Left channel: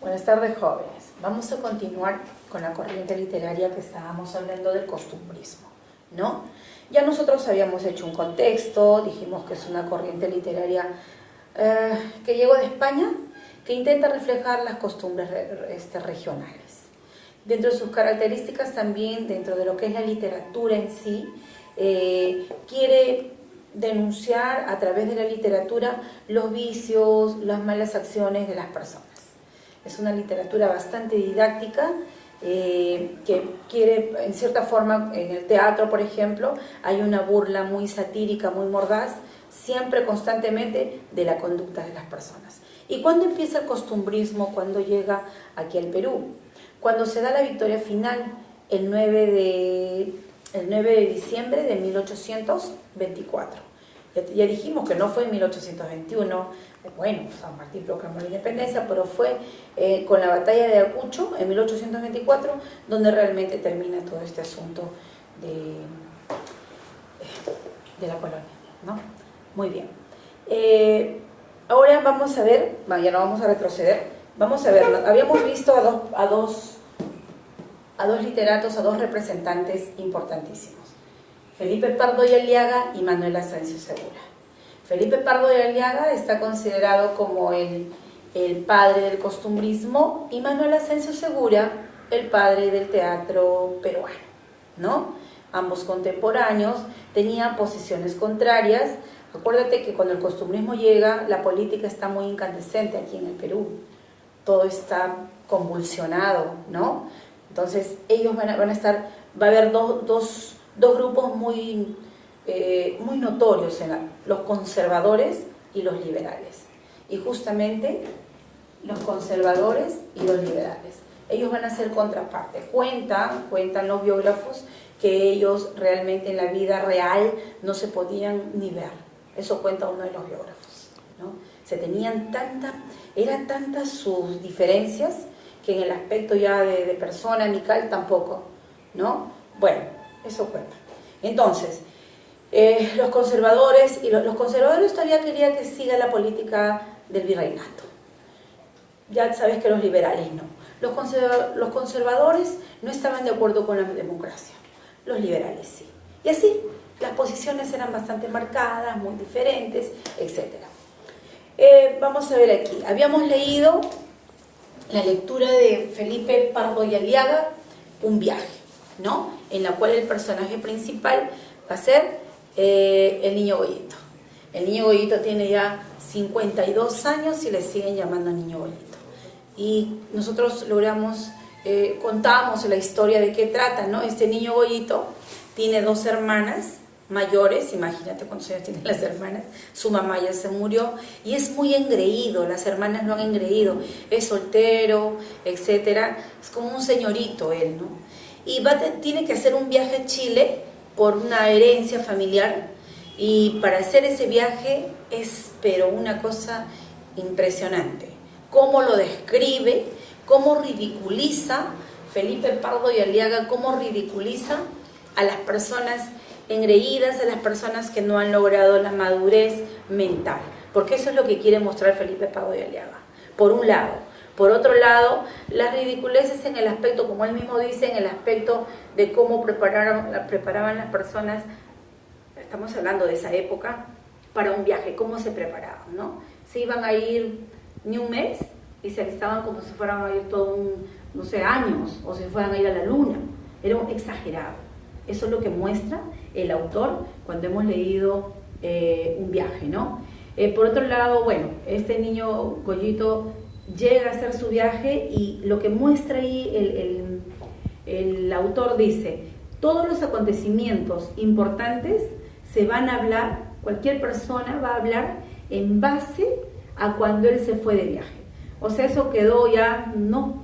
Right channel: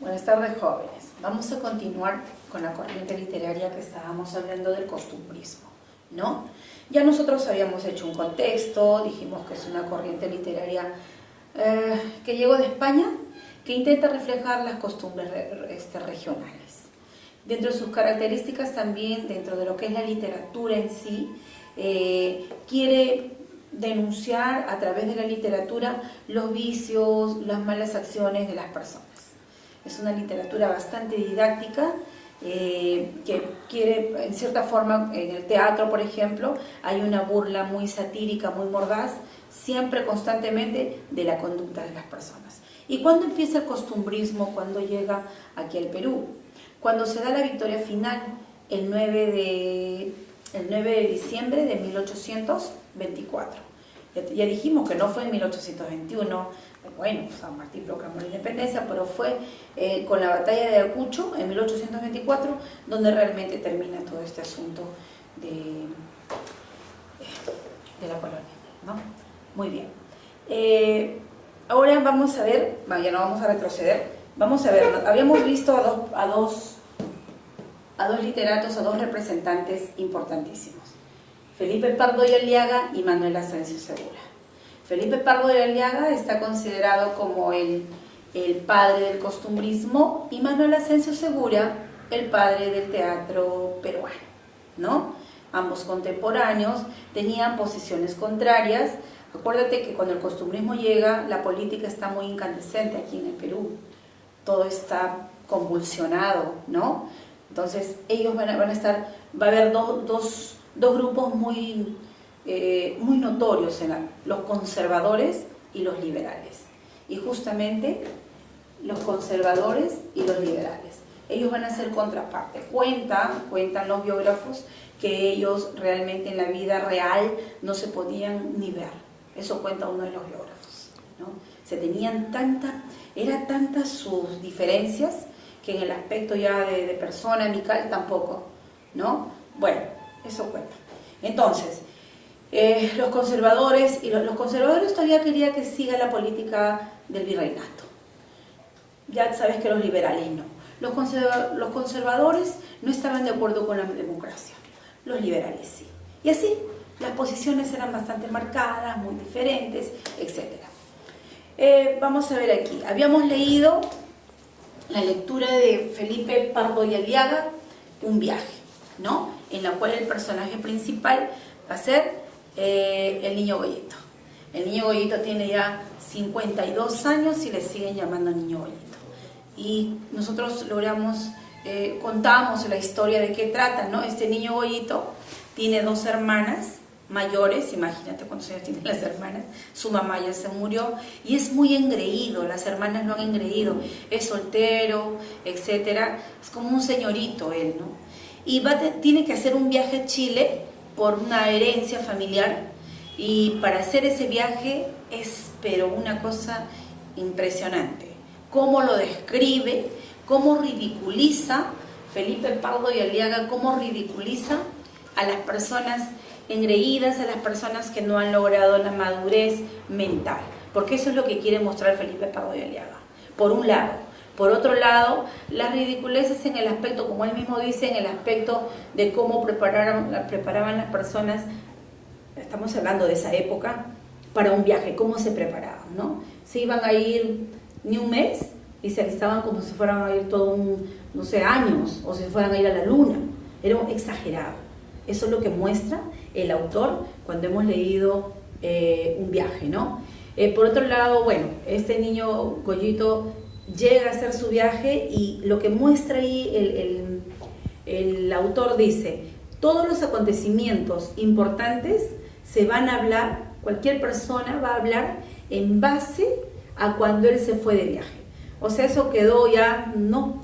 Buenas tardes, jóvenes. Vamos a continuar con la corriente literaria que estábamos hablando del costumbrismo, ¿no? Ya nosotros habíamos hecho un contexto, dijimos que es una corriente literaria que llegó de España, que intenta reflejar las costumbres regionales. Dentro de sus características también, dentro de lo que es la literatura en sí, quiere denunciar a través de la literatura los vicios, las malas acciones de las personas. Es una literatura bastante didáctica que quiere, en cierta forma, en el teatro, por ejemplo, hay una burla muy satírica, muy mordaz, siempre constantemente de la conducta de las personas. ¿Y cuándo empieza el costumbrismo? Cuando llega aquí al Perú. Cuando se da la victoria final, el 9 de diciembre de 1824. Ya dijimos que no fue en 1821, bueno, San Martín proclamó la independencia, pero fue con la batalla de Ayacucho en 1824 donde realmente termina todo este asunto de la colonia, ¿no? Muy bien. Ahora vamos a ver, ya no vamos a retroceder, vamos a ver, habíamos visto a dos literatos, a dos representantes importantísimos. Felipe Pardo y Aliaga y Manuel Ascencio Segura. Felipe Pardo y Aliaga está considerado como el padre del costumbrismo y Manuel Ascencio Segura el padre del teatro peruano, ¿no? Ambos contemporáneos, tenían posiciones contrarias. Acuérdate que cuando el costumbrismo llega, la política está muy incandescente aquí en el Perú. Todo está convulsionado, ¿no? Entonces ellos van a estar, va a haber dos grupos muy notorios, los conservadores y los liberales. Y justamente los conservadores y los liberales. Ellos van a ser contraparte. Cuentan los biógrafos que ellos realmente en la vida real no se podían ni ver. Eso cuenta uno de los biógrafos, ¿no? Eran tantas sus diferencias que en el aspecto ya de persona amical tampoco, ¿no? Bueno, eso cuenta. Entonces, los conservadores todavía querían que siga la política del virreinato. Ya sabes que los liberales no. Los conservadores no estaban de acuerdo con la democracia. Los liberales sí. Y así, las posiciones eran bastante marcadas, muy diferentes, etc. Vamos a ver aquí. Habíamos leído la lectura de Felipe Pardo y Aliaga, Un viaje, ¿no? En la cual el personaje principal va a ser el niño Goyito. El niño Goyito tiene ya 52 años y le siguen llamando niño Goyito. Y nosotros contamos la historia de qué trata, ¿no? Este niño Goyito tiene dos hermanas mayores, imagínate cuántos años tienen las hermanas, su mamá ya se murió y es muy engreído, las hermanas lo han engreído, es soltero, etcétera, es como un señorito él, ¿no? Y tiene que hacer un viaje a Chile por una herencia familiar y para hacer ese viaje es pero una cosa impresionante, cómo lo describe, cómo ridiculiza Felipe Pardo y Aliaga, cómo ridiculiza a las personas engreídas, a las personas que no han logrado la madurez mental, porque eso es lo que quiere mostrar Felipe Pardo y Aliaga, por un lado. Por otro lado, las ridiculeces en el aspecto, como él mismo dice, en el aspecto de cómo preparaban las personas, estamos hablando de esa época, para un viaje, cómo se preparaban, ¿no? Se iban a ir ni un mes y se alistaban como si fueran a ir años, o si fueran a ir a la luna. Era exagerado. Eso es lo que muestra el autor cuando hemos leído Un viaje, ¿no? Por otro lado, bueno, este niño Goyito llega a hacer su viaje y lo que muestra ahí el autor dice, todos los acontecimientos importantes se van a hablar, cualquier persona va a hablar en base a cuando él se fue de viaje. O sea, eso quedó ya no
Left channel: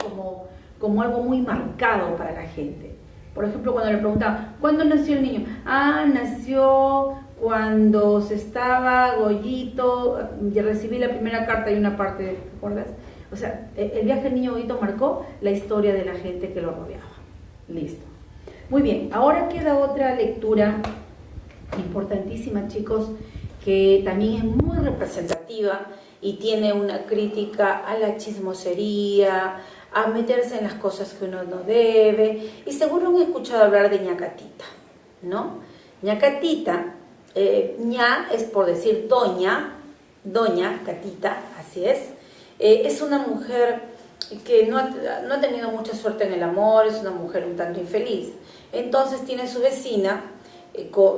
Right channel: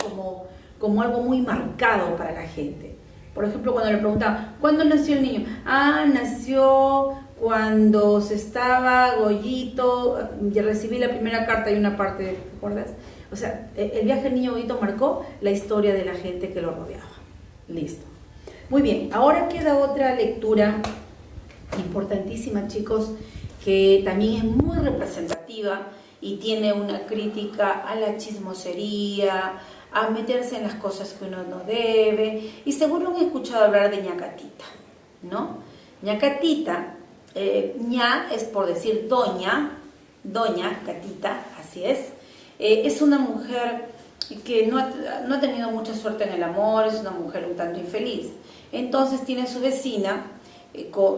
como algo muy marcado para la gente. Por ejemplo, cuando le preguntaban, ¿cuándo nació el niño? Nació cuando se estaba Goyito, ya recibí la primera carta y una parte, ¿te acuerdas? O sea, el viaje del niño Goyito marcó la historia de la gente que lo rodeaba. Listo. Muy bien, ahora queda otra lectura importantísima, chicos, que también es muy representativa y tiene una crítica a la chismosería, a meterse en las cosas que uno no debe, y seguro han escuchado hablar de ñacatita, ¿no? Ñacatita, ña es por decir doña Catita, así es una mujer que no ha tenido mucha suerte en el amor, es una mujer un tanto infeliz. Entonces tiene su vecina,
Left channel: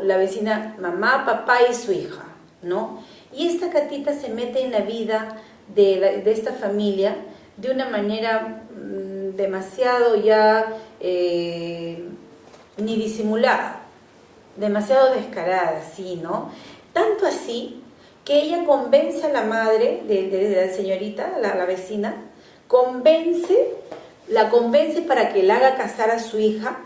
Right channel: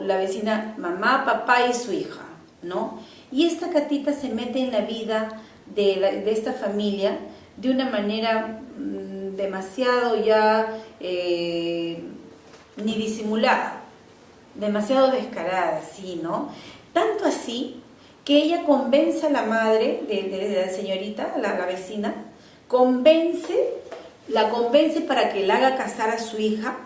la vecina mamá, papá y su hija, ¿no? Y esta Catita se mete en la vida de esta familia de una manera demasiado ya ni disimulada, demasiado descarada, ¿sí, no? Tanto así que ella convence a la madre de la señorita, la vecina, la convence para que la haga casar a su hija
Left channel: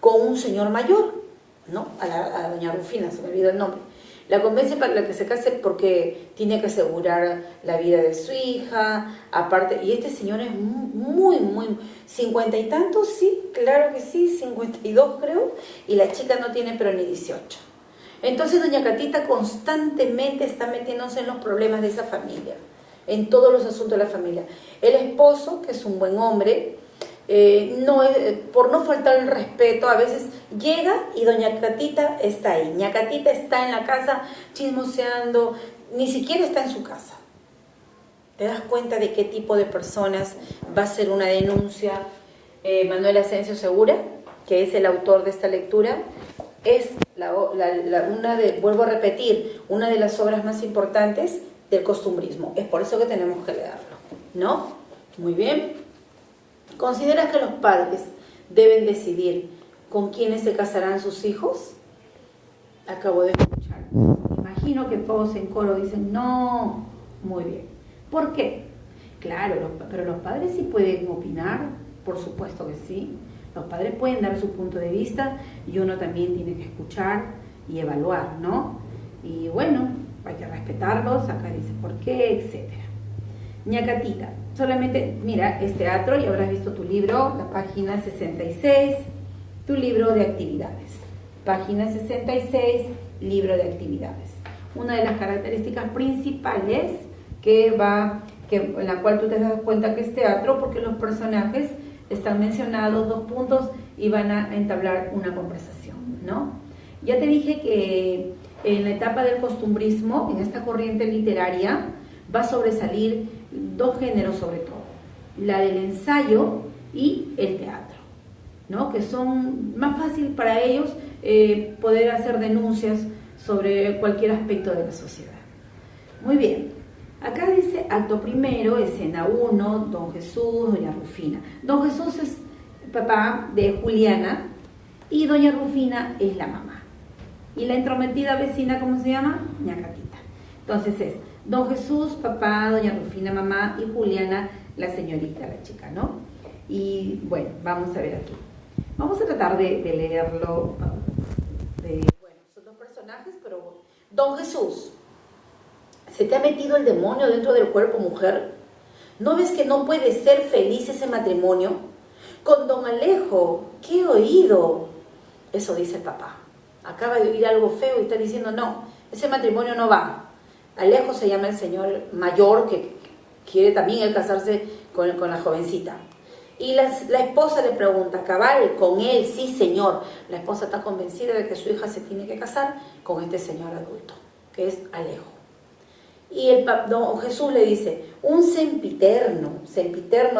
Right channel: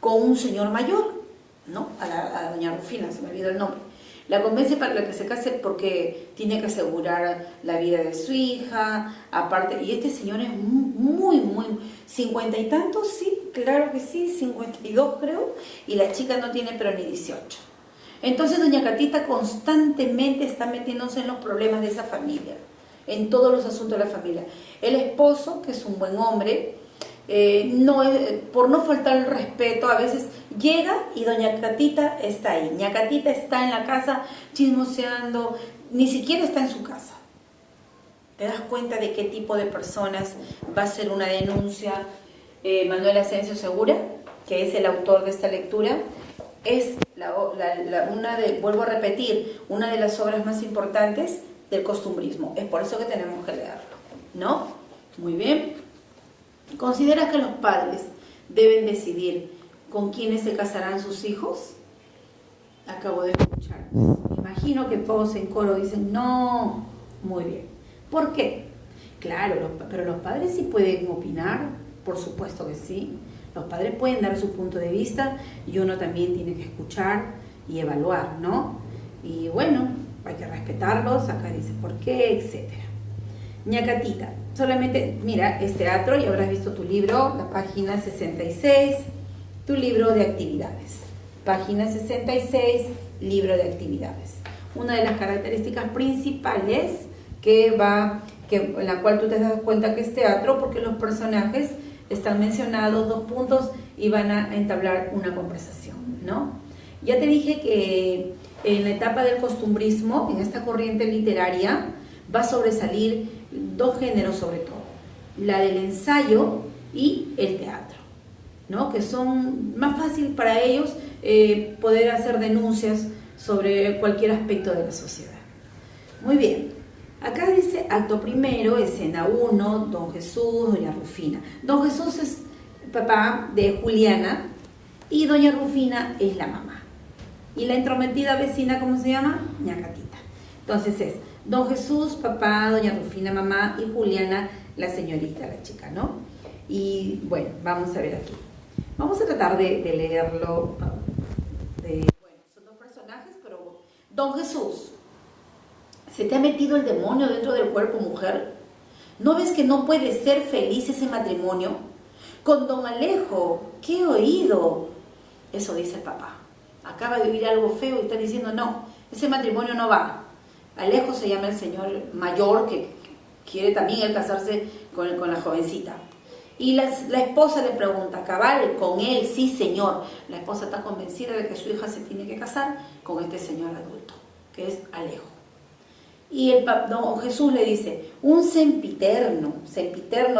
con un señor mayor, ¿no? A doña Rufina, se me olvidó el nombre. La convence para que se case porque tiene que asegurar la vida de su hija, aparte, y este señor es muy, 50 y tantos, sí, claro que sí, 52 creo, y la chica no tiene pero ni 18. Entonces doña Catita constantemente está metiéndose en los problemas de esa familia, en todos los asuntos de la familia. El esposo, que es un buen hombre, por no faltar el respeto, a veces llega y doña Catita está ahí. Doña Catita está en la casa chismoseando, ni siquiera está en su casa. ¿Te das cuenta de qué tipo de personas va a ser una denuncia? Manuel Asensio Segura, que es el autor de esta lectura, es vuelvo a repetir, una de las obras más importantes del costumbrismo. Es por eso que tenemos que leerlo, ¿no? Muy bien. ¿Consideras que los padres deben decidir con quiénes se casarán sus hijos? Acabo de escuchar. Imagino que todos en coro dicen, no. Muy bien. ¿Por qué? Claro, pero los padres sí pueden opinar, por supuesto que sí. Los padres pueden dar su punto de vista y uno también tiene que escuchar y evaluar, ¿no? Y bueno, hay que respetarlos, acá dice por qué, etcétera. Ñacatita, solamente mira, es teatro y habrás visto tu libro, la página 66, tu libro de actividades. Página 66, libro de actividades. Una de las características principales en la cual tú te das cuenta que es teatro, porque los personajes están mencionados, 2 puntos, y van a entablar una conversación, ¿no? Ya te dije que en la etapa del costumbrismo, en esta corriente literaria, va a sobresalir 2 géneros sobre todo, la del ensayo y el teatro, ¿no? Que son más fácil para ellos poder hacer denuncias sobre cualquier aspecto de la sociedad. Muy bien, acá dice acto primero, escena 1, don Jesús, doña Rufina. Don Jesús es papá de Juliana y doña Rufina es la mamá. Y la entrometida vecina, ¿cómo se llama? Ñacatita. Entonces es don Jesús, papá, doña Rufina, mamá, y Juliana, la señorita, la chica, ¿no? Y bueno, vamos a ver aquí. Vamos a tratar de leerlo. Bueno, son 2 personajes, pero don Jesús, ¿se te ha metido el demonio dentro del cuerpo, mujer? ¿No ves que no puede ser feliz ese matrimonio? Con don Alejo, ¿qué he oído? Eso dice el papá. Acaba de oír algo feo y está diciendo, no, ese matrimonio no va. Alejo se llama el señor mayor que quiere también él casarse con la jovencita. Y la esposa le pregunta, cabal, con él, sí señor. La esposa está convencida de que su hija se tiene que casar con este señor adulto, que es Alejo. Y don Jesús le dice, un sempiterno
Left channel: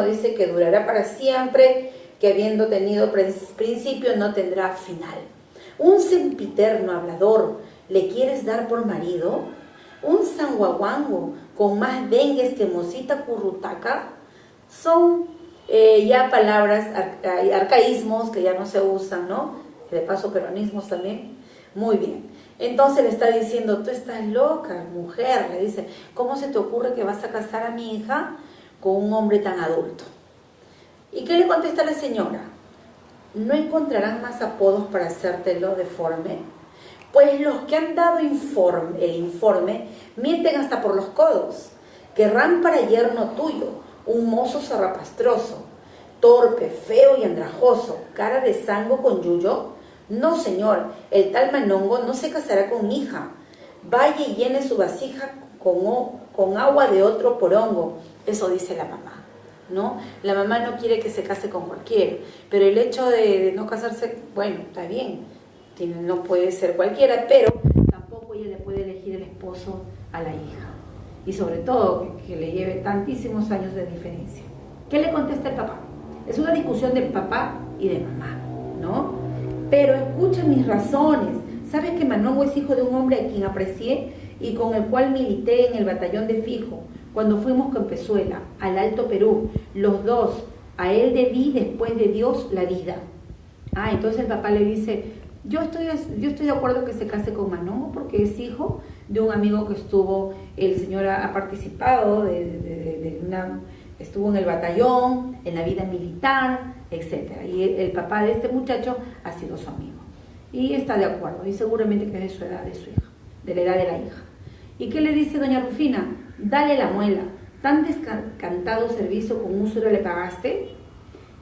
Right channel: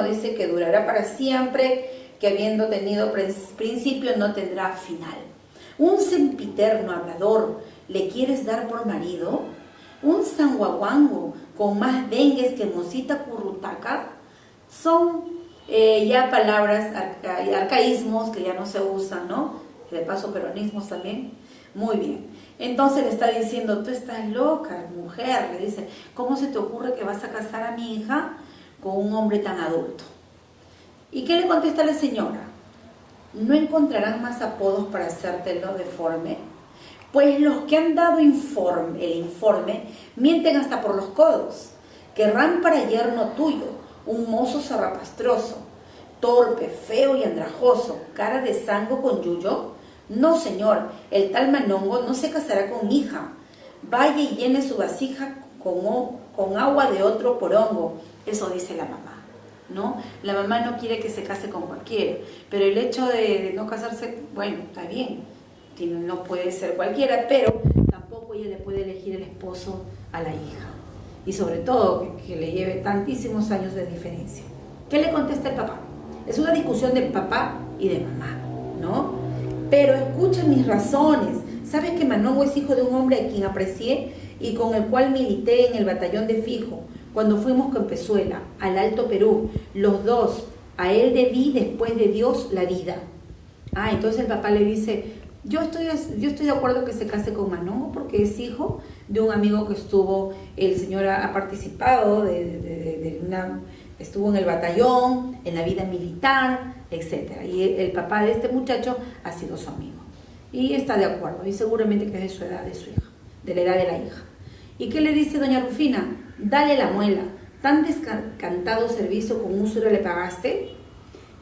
dice que durará para siempre, que habiendo tenido principio no tendrá final. Un sempiterno hablador, ¿le quieres dar por marido? Un sanguaguango con más dengues que mosita currutaca. Son ya palabras, arcaísmos que ya no se usan, ¿no? De paso peronismos también. Muy bien. Entonces le está diciendo, tú estás loca, mujer. Le dice, ¿cómo se te ocurre que vas a casar a mi hija con un hombre tan adulto? ¿Y qué le contesta la señora? ¿No encontrarán más apodos para hacértelo deforme? Pues los que han dado el informe mienten hasta por los codos. Querrán para yerno tuyo un mozo zarrapastroso, torpe, feo y andrajoso, cara de zango con yuyo. No, señor, el tal Manongo no se casará con mi hija. Vaya y llene su vasija con agua de otro porongo. Eso dice la mamá, ¿no? La mamá no quiere que se case con cualquiera, pero el hecho de no casarse, bueno, está bien, no puede ser cualquiera, pero tampoco ella le puede elegir el esposo a la hija. Y sobre todo, que le lleve tantísimos años de diferencia. ¿Qué le contesta el papá? Es una discusión de papá y de mamá, ¿no? Pero escucha mis razones. ¿Sabes que Manongo es hijo de un hombre a quien aprecié y con el cual milité en el batallón de Fijo cuando fuimos con Pezuela al Alto Perú? Los dos, a él debí después de Dios la vida. Entonces el papá le dice, yo estoy de acuerdo que se case con Manongo porque es hijo de un amigo que estuvo, el señor ha participado estuvo en el batallón, en la vida militar, etc. Y el papá de este muchacho ha sido su amigo. Y está de acuerdo, y seguramente que es de su edad, de su hija, de la edad de la hija. ¿Y qué le dice doña Rufina? Dale la muela, tan descantado servicio con úsura le pagaste.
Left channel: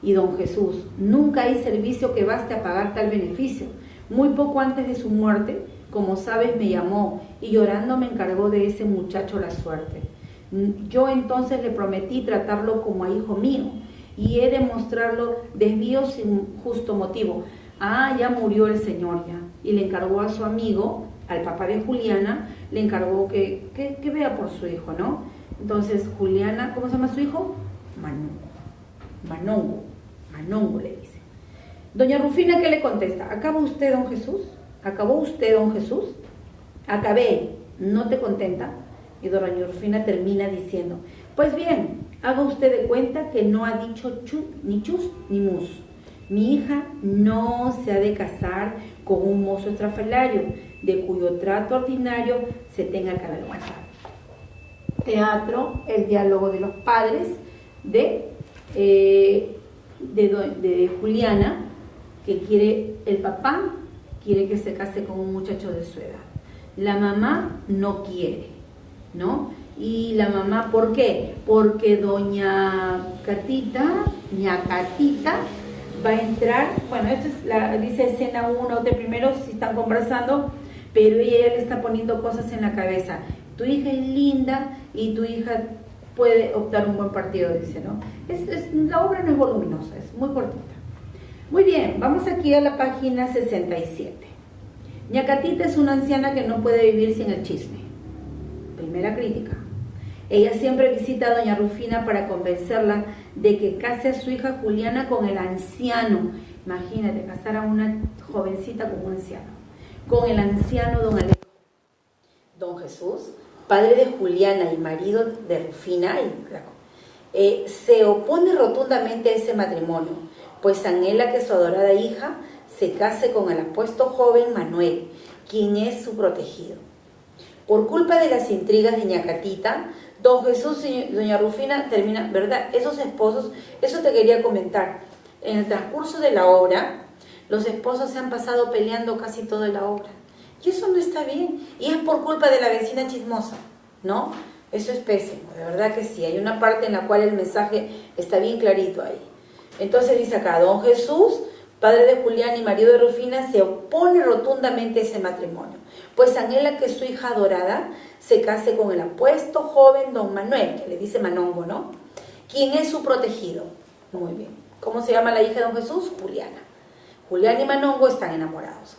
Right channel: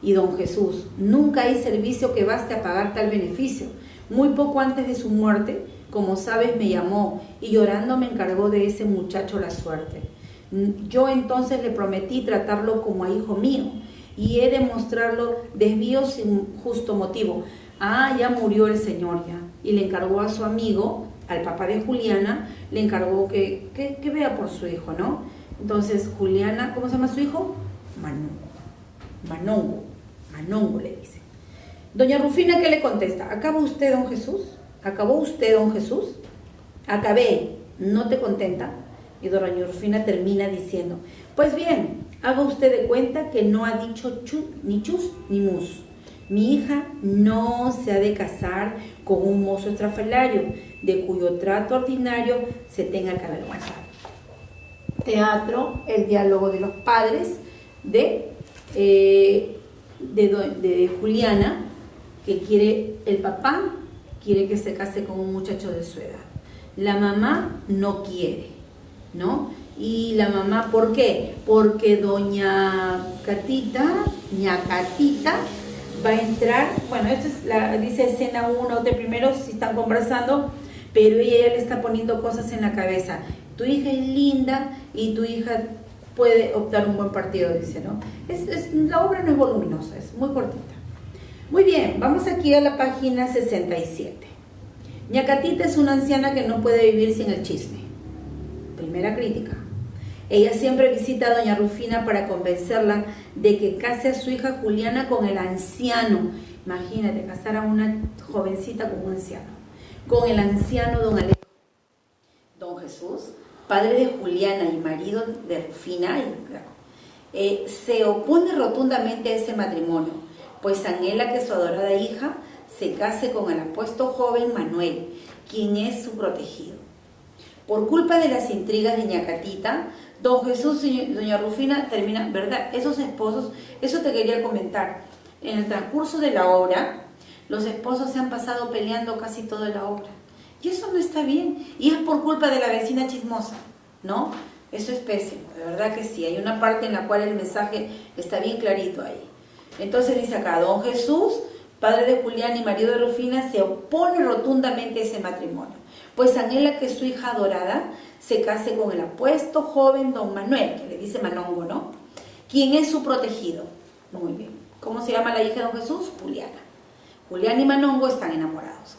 Y don Jesús, nunca hay servicio que baste a pagar tal beneficio. Muy poco antes de su muerte, como sabes, me llamó y llorando me encargó de ese muchacho la suerte. Yo entonces le prometí tratarlo como a hijo mío y he de mostrarlo desvío sin justo motivo. Ya murió el señor ya. Y le encargó a su amigo, al papá de Juliana, le encargó que vea por su hijo, ¿no? Entonces Juliana, ¿cómo se llama su hijo? Manongo le dice. Doña Rufina, ¿qué le contesta? ¿Acabó usted, don Jesús? ¿Acabó usted, don Jesús? Acabé, ¿no te contenta? Y doña Rufina termina diciendo, pues bien, haga usted de cuenta que no ha dicho ni chus ni mus. Mi hija no se ha de casar con un mozo estrafalario, de cuyo trato ordinario se tenga que avergonzar. Teatro, el diálogo de los padres de Juliana, que el papá quiere que se case con un muchacho de su edad. La mamá no quiere, ¿no? Y la mamá, ¿por qué? Porque doña Catita va a entrar, bueno, esto es dice escena 1 de primero, si están conversando, pero ella le está poniendo cosas en la cabeza. Tu hija es linda y tu hija puede optar un buen partido, dice, ¿no? La obra no es voluminosa, es muy cortita. Muy bien, vamos aquí a la página 67. Ñacatita es una anciana que no puede vivir sin el chisme. Primera crítica. Ella siempre visita a doña Rufina para convencerla de que case a su hija Juliana con el anciano. Imagínate, casar a una jovencita con un anciano. Con el anciano don Alejo. Don Jesús, padre de Juliana y marido de Rufina, se opone rotundamente a ese matrimonio, pues anhela que su adorada hija se case con el apuesto joven Manuel, quien es su protegido. Por culpa de las intrigas de Ñacatita, don Jesús y doña Rufina terminan, ¿verdad? Esos esposos, eso te quería comentar. En el transcurso de la obra, los esposos se han pasado peleando casi toda la obra. Y eso no está bien. Y es por culpa de la vecina chismosa, ¿no? Eso es pésimo, de verdad que sí. Hay una parte en la cual el mensaje está bien clarito ahí. Entonces dice acá, don Jesús, padre de Julián y marido de Rufina, se opone rotundamente a ese matrimonio, pues anhela que su hija adorada se case con el apuesto joven don Manuel, que le dice Manongo, ¿no? Quien es su protegido. Muy bien. ¿Cómo se llama la hija de don Jesús? Juliana. Julián y Manongo están enamorados.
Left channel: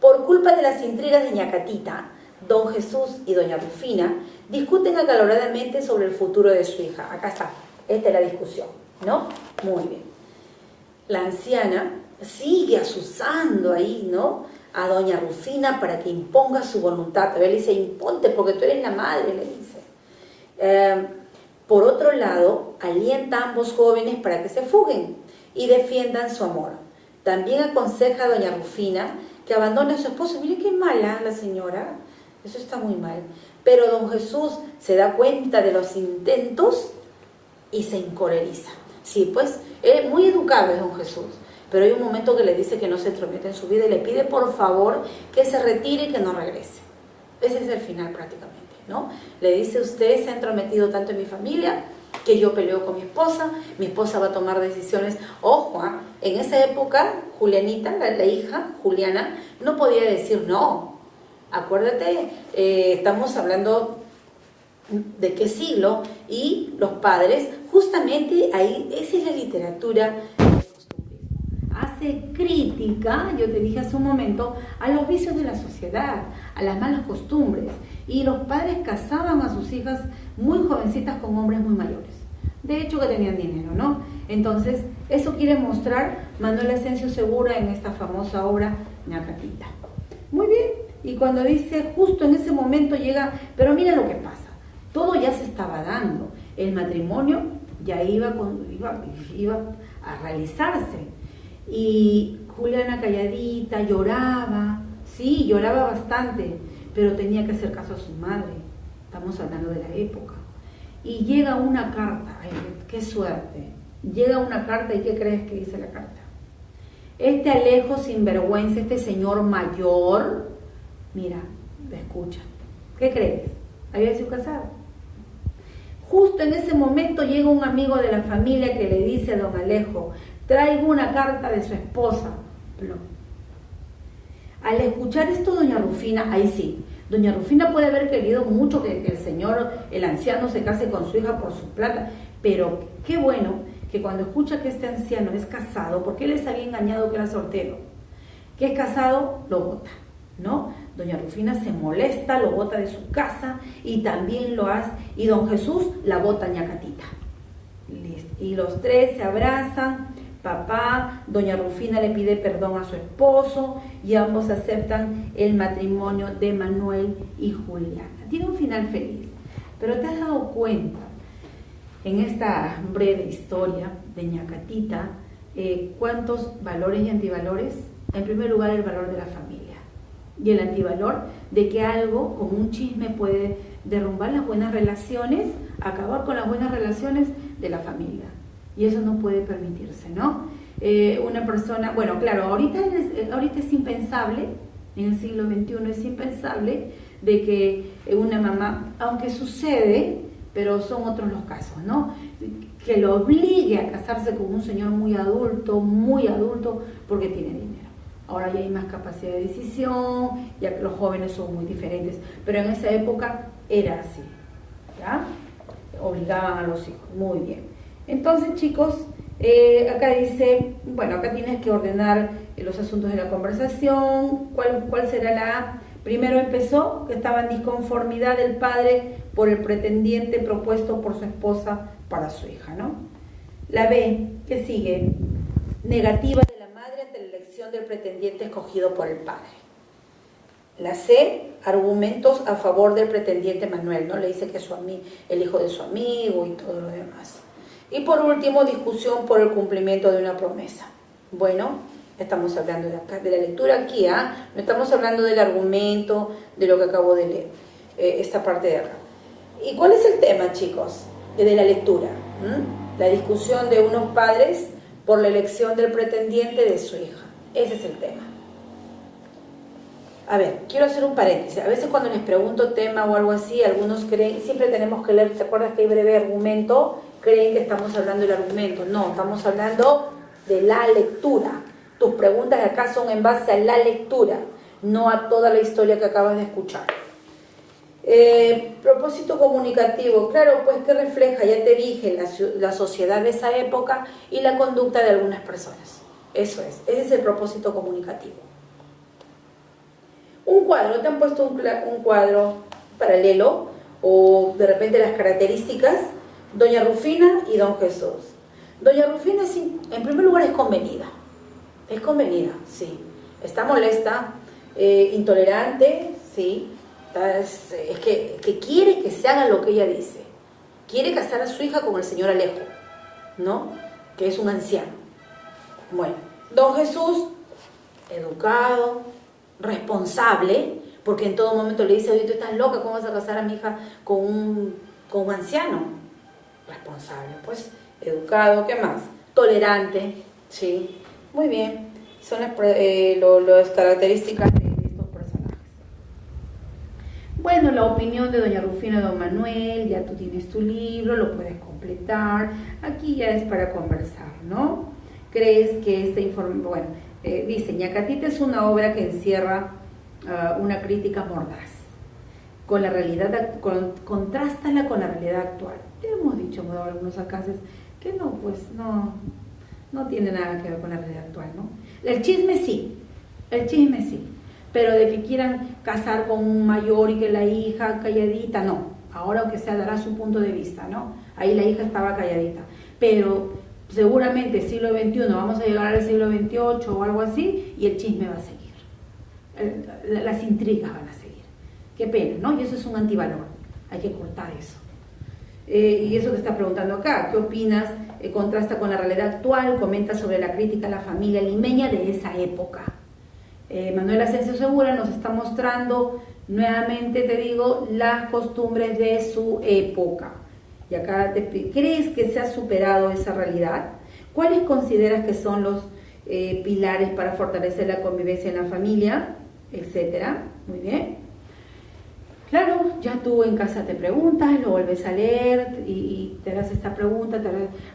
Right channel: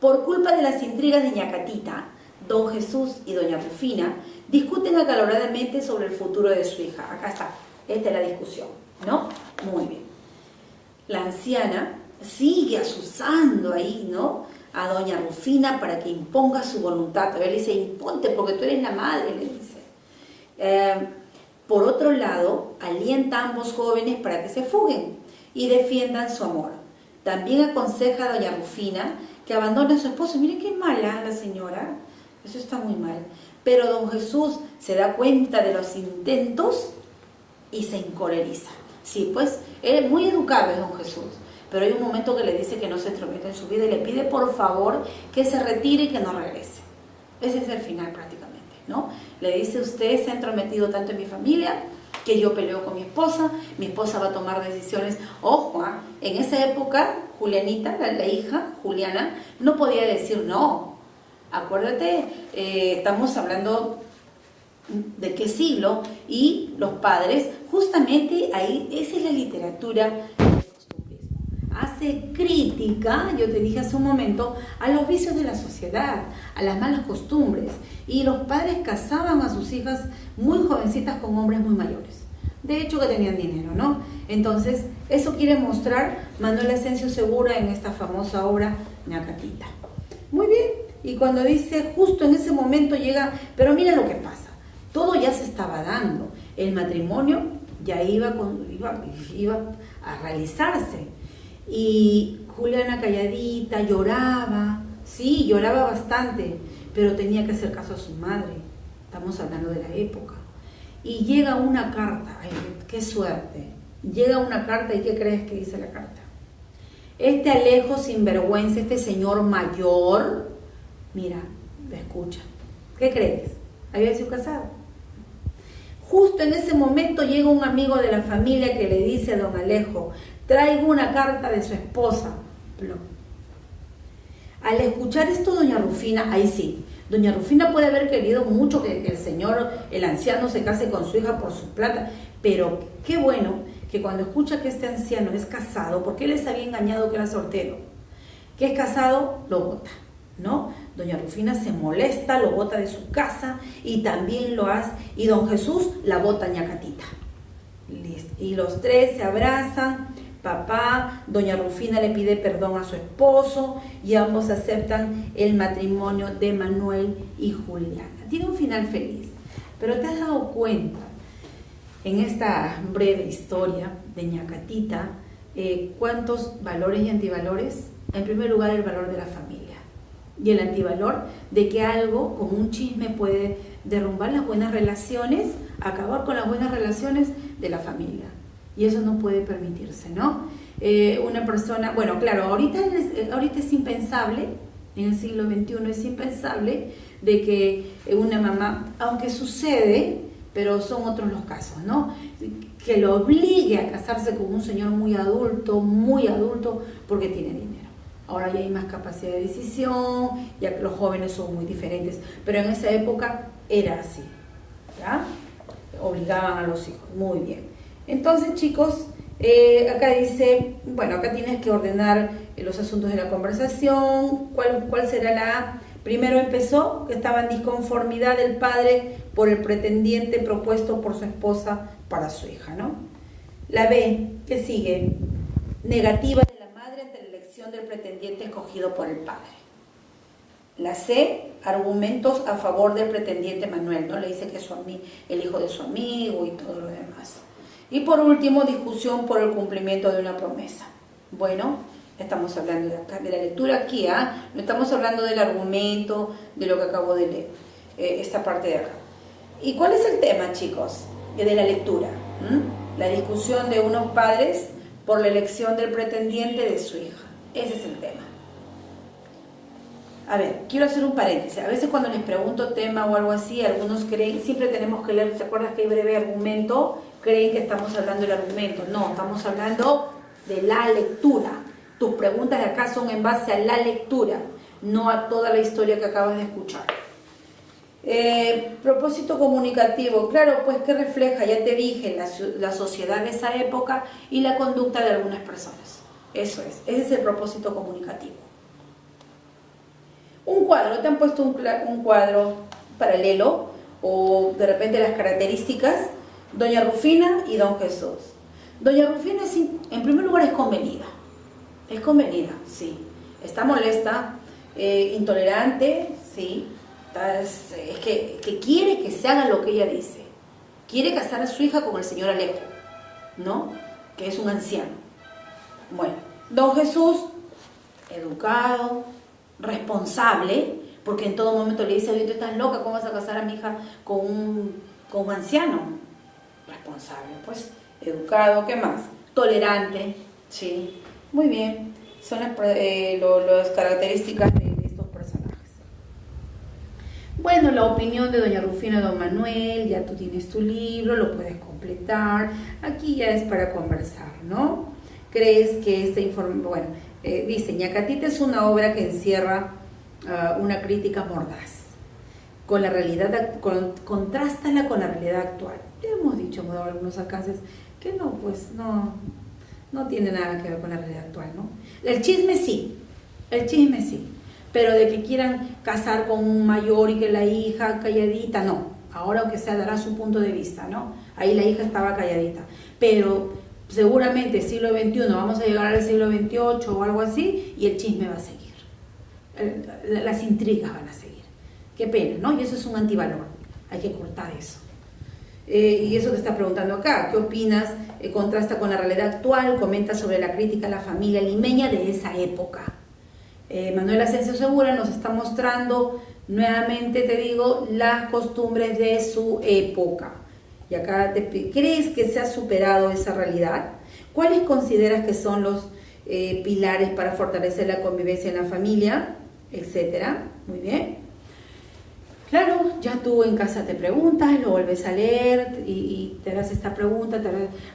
Por culpa de las intrigas de Ñacatita, don Jesús y doña Rufina discuten acaloradamente sobre el futuro de su hija. Acá está, esta es la discusión, ¿no? Muy bien. La anciana sigue asusando ahí, ¿no?, a doña Rufina para que imponga su voluntad. Todavía le dice, imponte porque tú eres la madre, le dice. Por otro lado, alienta a ambos jóvenes para que se fuguen y defiendan su amor. También aconseja a doña Rufina que abandone a su esposo. Mire qué mala la señora, eso está muy mal. Pero don Jesús se da cuenta de los intentos y se encoleriza. Sí, pues, muy educado es don Jesús, pero hay un momento que le dice que no se entromete en su vida y le pide por favor que se retire y que no regrese. Ese es el final prácticamente, ¿no? Le dice, usted se ha entrometido tanto en mi familia que yo peleo con mi esposa va a tomar decisiones. Ojo, en esa época, Julianita, la hija, Juliana, no podía decir no. Acuérdate, estamos hablando de qué siglo, y los padres, justamente ahí, esa es la literatura del costumbrismo. Hace crítica, yo te dije hace un momento, a los vicios de la sociedad, a las malas costumbres, y los padres casaban a sus hijas muy jovencitas con hombres muy mayores. De hecho que tenían dinero, ¿no? Entonces, eso quiere mostrar Manuel Asensio Segura en esta famosa obra Ñacatita. Muy bien, y cuando dice, justo en ese momento llega, pero mira lo que pasa, todo ya se estaba dando, el matrimonio ya iba a realizarse, y Juliana calladita, lloraba, sí, lloraba bastante, pero tenía que hacer caso a su madre, estamos hablando de la época. Y llega una carta, ay, qué suerte, llega una carta, ¿y qué crees que dice la carta? Este Alejo sinvergüenza, este señor mayor, mira, escucha, ¿qué crees? Había sido casado. Justo en ese momento llega un amigo de la familia que le dice a don Alejo, traigo una carta de su esposa. Al escuchar esto, doña Rufina, ahí sí, doña Rufina puede haber querido mucho que el señor, el anciano, se case con su hija por su plata, pero qué bueno que cuando escucha que este anciano es casado, porque él les había engañado que era soltero, que es casado, lo bota, ¿no? Doña Rufina se molesta, lo bota de su casa, y también lo hace, y don Jesús la bota a Ñacatita. Y los tres se abrazan, papá, doña Rufina le pide perdón a su esposo, y ambos aceptan el matrimonio de Manuel y Juliana. Tiene un final feliz, pero ¿te has dado cuenta en esta breve historia de Ñacatita cuántos valores y antivalores? En primer lugar, el valor de la familia, y el antivalor de que algo como un chisme puede derrumbar las buenas relaciones, acabar con las buenas relaciones de la familia, y eso no puede permitirse, ¿no? Una persona, bueno, claro, ahorita es impensable, en el siglo XXI es impensable de que una mamá, aunque sucede, pero son otros los casos, ¿no? Que lo obligue a casarse con un señor muy adulto, porque tiene dinero. Ahora ya hay más capacidad de decisión, ya los jóvenes son muy diferentes, pero en esa época era así, ¿ya? Obligaban a los hijos, muy bien. Entonces, chicos, acá dice, bueno, acá tienes que ordenar los asuntos de la conversación. ¿Cuál será la A? Primero empezó que estaba en disconformidad del padre por el pretendiente propuesto por su esposa para su hija, ¿no? La B, ¿qué sigue? Negativa de la madre ante la elección del pretendiente escogido por el padre. La C, argumentos a favor del pretendiente Manuel, ¿no? Le dice que es el hijo de su amigo y todo lo demás. Y por último, discusión por el cumplimiento de una promesa. Bueno, estamos hablando de la lectura aquí, no estamos hablando del argumento, de lo que acabo de leer, esta parte de acá. ¿Y cuál es el tema, chicos, de la lectura? La discusión de unos padres por la elección del pretendiente de su hija. Ese es el tema. A ver, quiero hacer un paréntesis. A veces cuando les pregunto tema o algo así, algunos creen, siempre tenemos que leer, ¿te acuerdas que hay breve argumento? Creen que estamos hablando del argumento. No, estamos hablando de la lectura. Tus preguntas de acá son en base a la lectura, no a toda la historia que acabas de escuchar. Propósito comunicativo, claro, pues que refleja, ya te dije, la sociedad de esa época y la conducta de algunas personas. Eso es, ese es el propósito comunicativo. Un cuadro, te han puesto un cuadro paralelo, o de repente las características, doña Rufina y don Jesús. Doña Rufina, en primer lugar, es convenida, sí, está molesta, intolerante, sí, es que quiere que se haga lo que ella dice, quiere casar a su hija con el señor Alejo, ¿no? Que es un anciano. Bueno, don Jesús, educado, responsable, porque en todo momento le dice, oye, tú estás loca, ¿cómo vas a casar a mi hija con un anciano? Responsable, pues, educado, ¿qué más? Tolerante, sí, muy bien, son las características de estos personajes. Bueno, la opinión de doña Rufina y don Manuel, ya tú tienes tu libro, lo puedes completar, aquí ya es para conversar, ¿no? ¿Crees que este informe, bueno, dice, Ñacatita es una obra que encierra una crítica mordaz, con la realidad, contrástala con la realidad actual. Ya hemos dicho en algunos alcances que no, pues no tiene nada que ver con la realidad actual, ¿no? El chisme sí, pero de que quieran casar con un mayor y que la hija calladita, no. Ahora aunque sea dará su punto de vista, ¿no? Ahí la hija estaba calladita, pero seguramente siglo XXI, vamos a llegar al siglo XXVIII o algo así, y el chisme va a seguir, las intrigas van a seguir. Qué pena, ¿no? Y eso es un antivalor, hay que cortar eso. Y eso te está preguntando acá, ¿qué opinas? Contrasta con la realidad actual, comenta sobre la crítica a la familia limeña de esa época. Manuel Asensio Segura nos está mostrando, nuevamente te digo, las costumbres de su época. Y acá ¿crees que se ha superado esa realidad? ¿Cuáles consideras que son los pilares para fortalecer la convivencia en la familia? Etcétera. Muy bien. Claro, ya tú en casa te preguntas, lo vuelves a leer y te das esta pregunta, te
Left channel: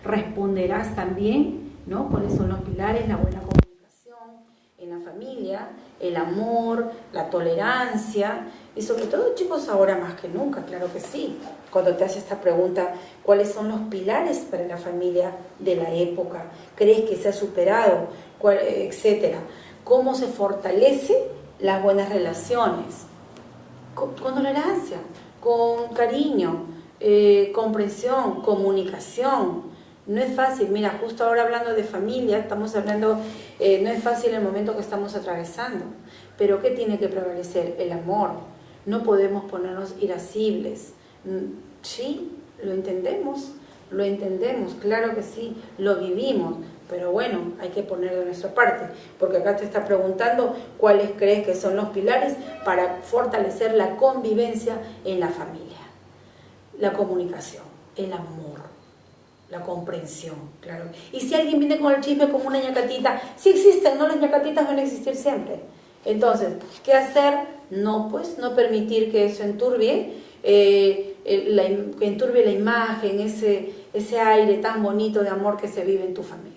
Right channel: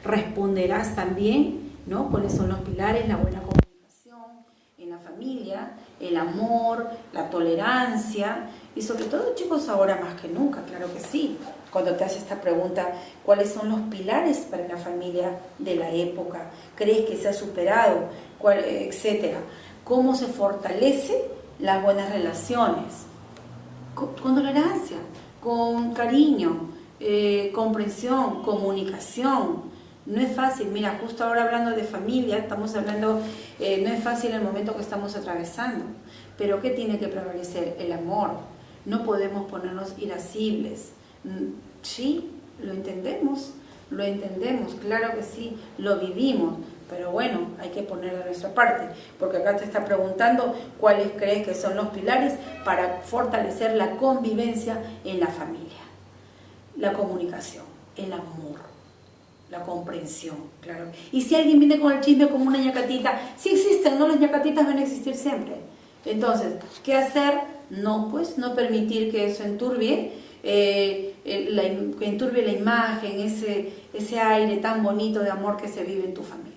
responderás también, ¿no? ¿Cuáles son los pilares? La buena comunicación en la familia, el amor, la tolerancia y sobre todo, chicos, ahora más que nunca, claro que sí. Cuando te haces esta pregunta, ¿cuáles son los pilares para la familia de la época? ¿Crees que se ha superado? Etcétera. ¿Cómo se fortalece las buenas relaciones? Con tolerancia, con cariño, comprensión, comunicación. No es fácil, mira, justo ahora hablando de familia, estamos hablando, no es fácil el momento que estamos atravesando, pero ¿qué tiene que prevalecer? El amor. No podemos ponernos irascibles. Sí, lo entendemos, claro que sí, lo vivimos, pero bueno, hay que poner de nuestra parte, porque acá te está preguntando cuáles crees que son los pilares para fortalecer la convivencia en la familia. La comunicación, el amor, la comprensión, claro. Y si alguien viene con el chisme como una ñacatita, sí existen, ¿no? Los ñacatitas van a existir siempre. Entonces, ¿qué hacer? No, pues, no permitir que eso enturbie, que enturbie la imagen, ese aire tan bonito de amor que se vive en tu familia.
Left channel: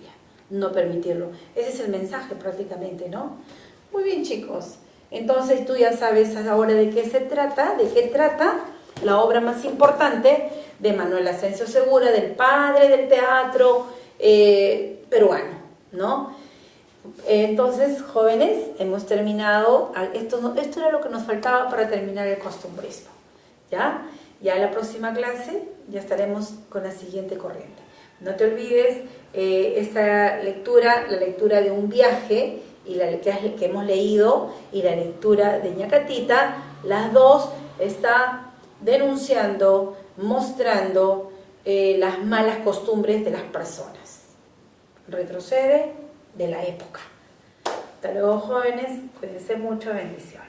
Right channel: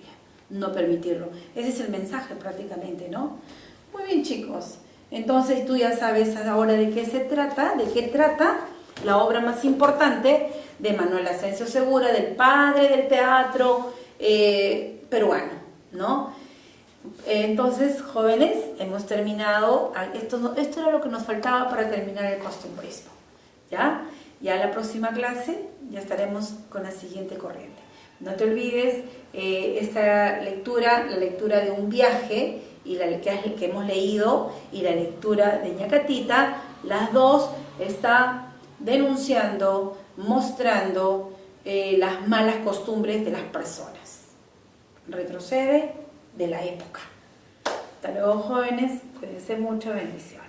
No permitirlo. Ese es el mensaje prácticamente, ¿no? Muy bien, chicos. Entonces tú ya sabes ahora de qué trata la obra más importante de Manuel Asensio Segura, del padre del teatro peruano, ¿no? Entonces, jóvenes, hemos terminado. Esto era lo que nos faltaba para terminar el costumbrismo. ¿Ya? Ya en la próxima clase ya estaremos con la siguiente corriente. No te olvides esta lectura, la lectura de un viaje y que hemos leído y la lectura de ñacatita, las dos están denunciando, mostrando las malas costumbres de las personas. Retrocede de la época. Hasta luego, jóvenes, cuídense mucho, bendiciones.